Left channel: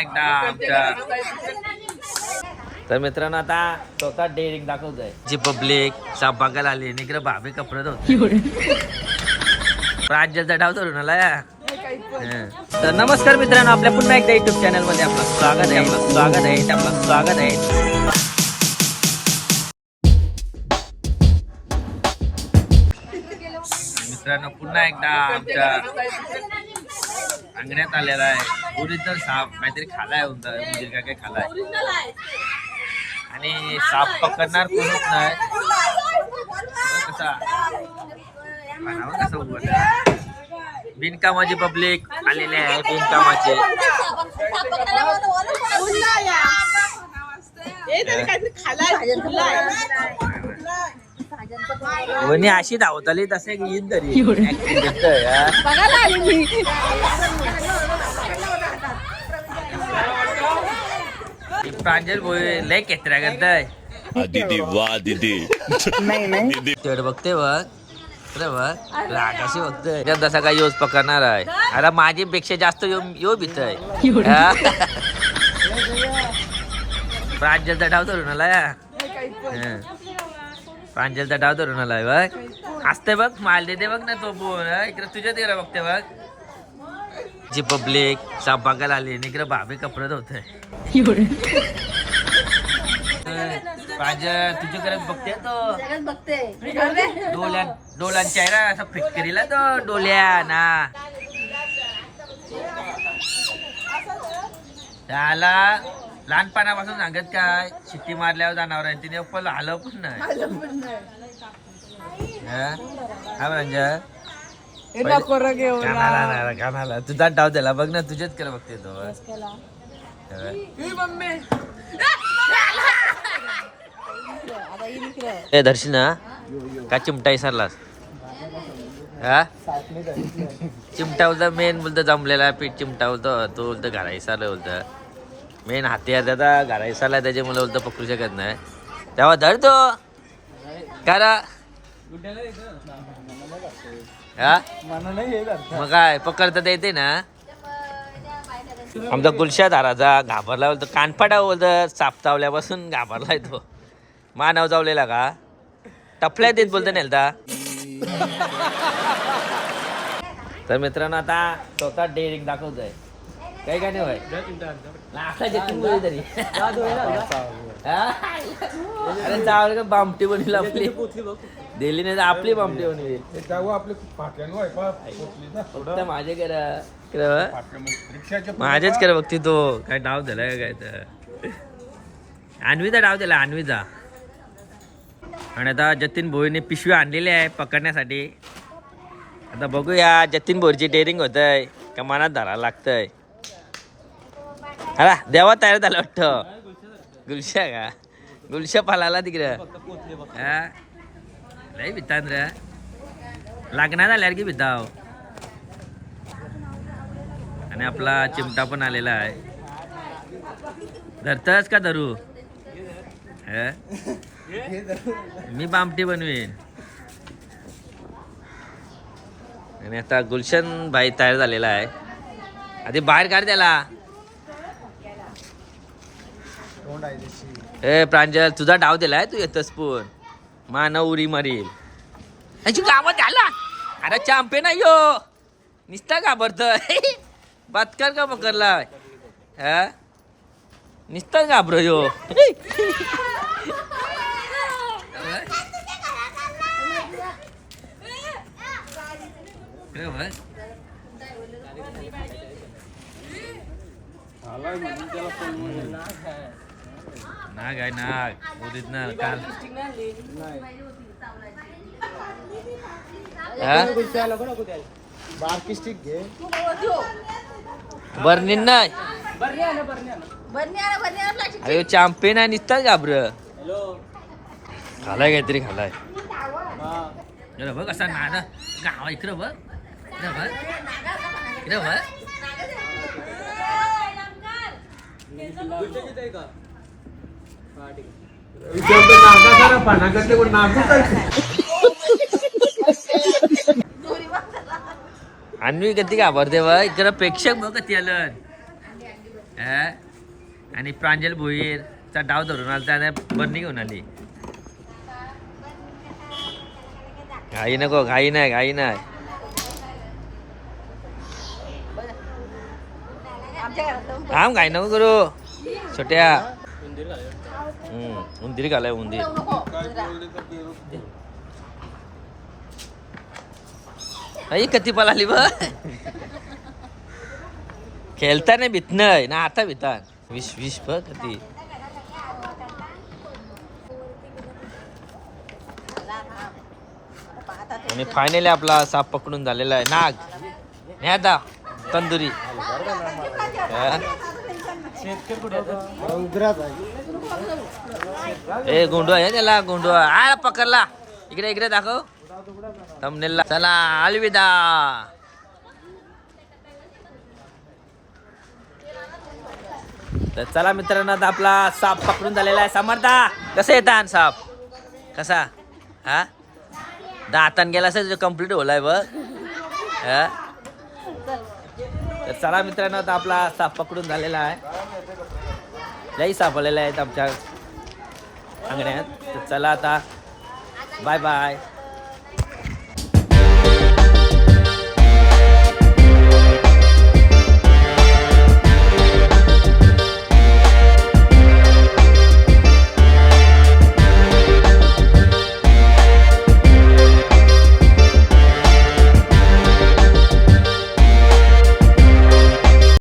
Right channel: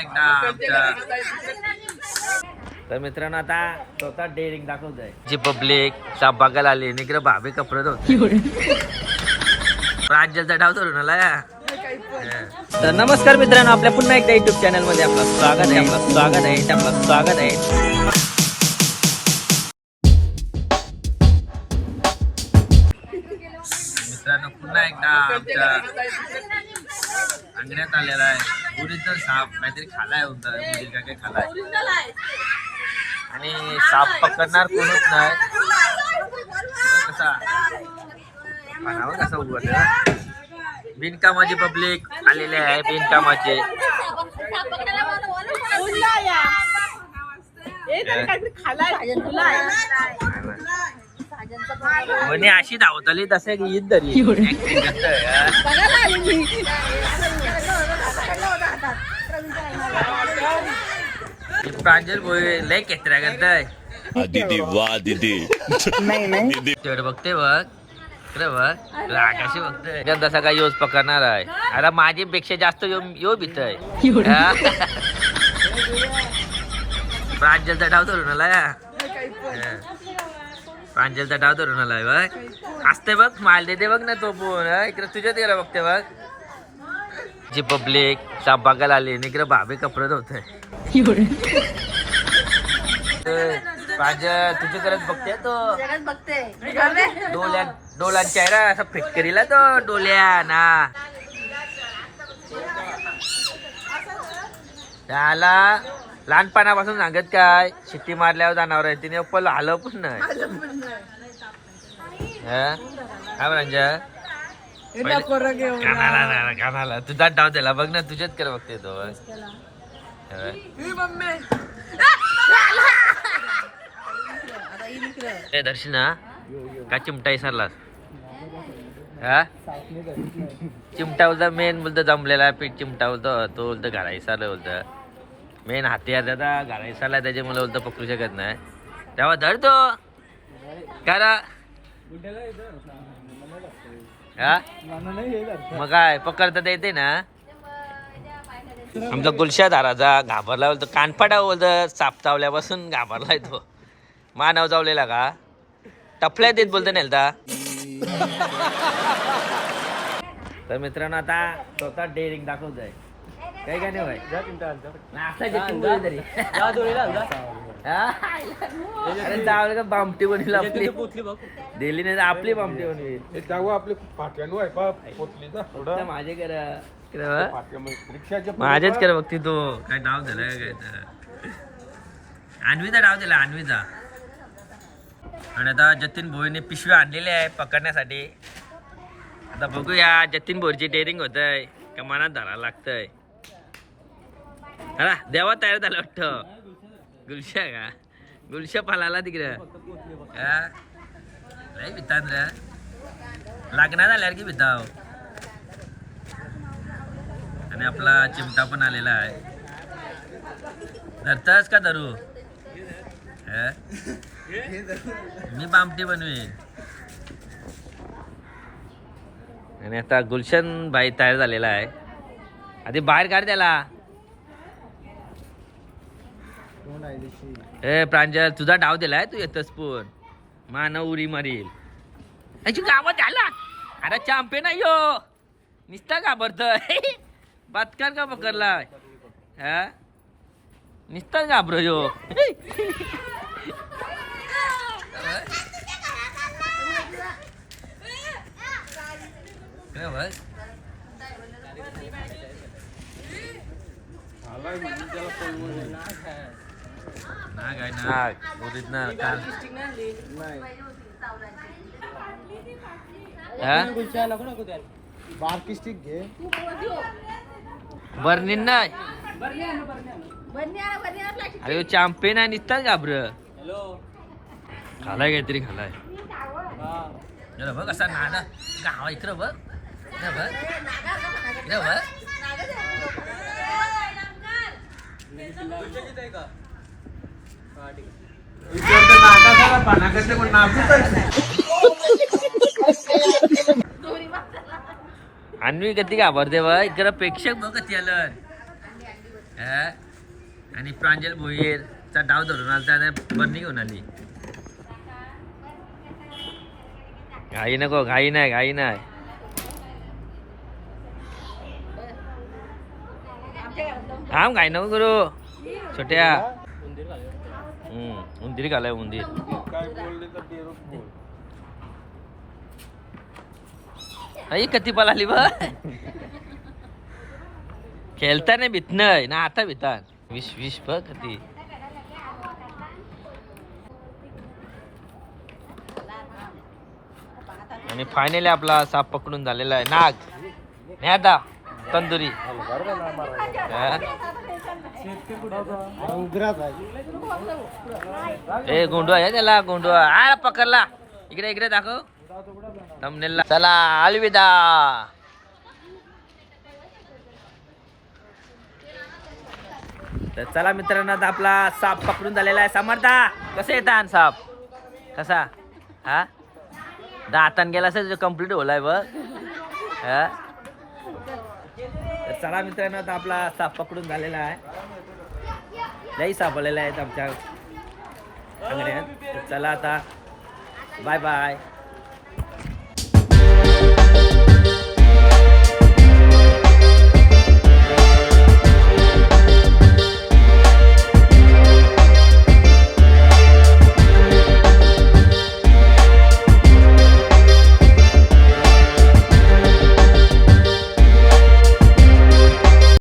एकदा आमच्या तर मित्रांनो आता स्वतः डेअरिंग दाखवत आहे जी पब्लिक चा बघायला आली इकडे भाभी कपडे धुवते राज्याचा डाव धरून आला तर नमस्कार मित्रांनो आपल्या पुन्हा एकदा युट्यूब चॅनलमध्ये आपलं स्वागत आहे आपलं स्वागत आहे आपलं स्वागत आहे. मित्रांनो पुन्हा एकदा आमच्या अंगण्यात आलेला आहे. ओरिजिनल साप काहीतरी खालाय होता मुलील का काही खालाय. आणि साप पकडणार कोणच नाही. कसा? पानावर कसा उभा बिनकामाची पब्लिक आलेले आहे बिनकामाचे. कोणी अशी धावतली तसं की ईद तरी? ही प्रांजल भोई लय केत्र्या करताय. आ, दीदी वाह दीदी. दीदी. तेवढं बघते बघ. इकडे बघ. आकाशी बघते. तसा काय योज पकडणार आहे. अरे माझी पेक्षा जास्त यो यो भीत आहे डाव धरून आलाय हम्म. प्रांजलचा डाव धरून आलाय बघ. असते बघ माल देते बघ ना तो बोन इकडे तुझ्या तिकडे बघते बघ. जी पब्लिक साप बघायला आली इकडे भाभी कपडे धुवते प्रांजल तुझ्या करत बघते तो. डोल्या चेहरा असा फिटकरीला तो डोल्या ना लहानपणापासून सांगत काय शिट्टी मारल्यावर जाणार आहे तिने पण आलं पण नाही. हा? पहिले- कानाला तुझा डाव दिला बघ ना तुझ्याच कर बघते तो. ए दर्शना का चिमटा विसरलास? हा? चिमटा बोलता मेन बोलतो जमलेला पीठ चिमटा बोलतो तो बोलतो घरा विसरलं बोलतं मेन हाती आता घरा त्याचे त्याच्यामुळे बोलतो पकडू शकत नाही. तेव्हा धरतो करा. मग काय पकडता तर येते ना. आमचा गुलशा धाराचा घाबरला बोलतो कानफाटा बोलतो साप चावल्यापासून घाबरलाय तो. मानव चावलेला का? टपल्यात येत बोलतो नेलता. तर मित्रांनो आता स्वतः डेअरिंग दाखवत आहे काही का नाही आता जतीन बोल तरी? अरे का बामटी बनवली आपली? दिली नाही तर आपली बामटी बनवेल. फक्त माझे करा माझेच करा बघते तो काय डाव दिला काय तर? आणवीचा डाव दिला आणवीचा आणि आता जतीन भोईने पिशवी आणलेली आहे पकडण्यासाठी. आता बघूया जतीन भोईची डेअरिंग होत आहे का मनात धरायला लागतंय. हा देवा तयार झालं वाटतं. गुलशा का? गुलशा पालाला तिकडं. हा? लय भितान रे. लागणार झाल्यावर की भिताव. आणि आपला चिमटा पण आलेला आहे. धरतस का धरू? मी बामटी बनवीन. आणि आता गुलशन भाई तयार झालेला आहे. आधी बाहेर काढ त्याला. ए प्रांजल तुझा डाव दिलाय तू येतस पण. मानव उरी मारील. याची गावात आला? अरे चांपे नाही यो. निसता घाबरतोय बातकार का पकडला हा? निसताच घाबर यो. नाग आहे नाग ओरिजिनल काल हा बारकी स्टिक घे बर्निन नाही. अरे चॅम्पियन आहे निसताच घाबर? खालाय काहीतरी खालाय. बघ असा नाना गावा इकडं बघ. इकडं बघ. इकडं बघ. अन्वी कधी घाबरते बघ इकडं प्रेक्षक बघ कधी आलं. आणि प्रांजल भोईरचा डाव धरून आला त्याने बर्नी घेऊन आली. घाई नको घाई नाही घाई नाही. आम घाई नको करू. छोट्या. हम्म, उंदीर घालाय उंदीर. आई कती पळाली बघ. खेळता नाही भीत नाही ना आता भितान. विश विश बघ कती आणि फायनली आपला साप पकडून झालेला आहे. नाग. न्यादा. तंदुरी. हा? ए गोंडवा आहे त्याला गोंडवा. आ पकडला. इकडे इकडे दाखव. तमनेला चला अलविदा. तर चला मित्रांनो आता आपला साप पकडून झालेला आहे. समर्था कसं येतात साप? कसा? हा? दातान गेला असेल कंप्लीट होलाय बघ. हा? तर चला मित्रांनो आता आपला साप पकडून झालेला आहे. लई साप आलेला आहे आमच्या अंगण्यात तर चला आता बाय बाय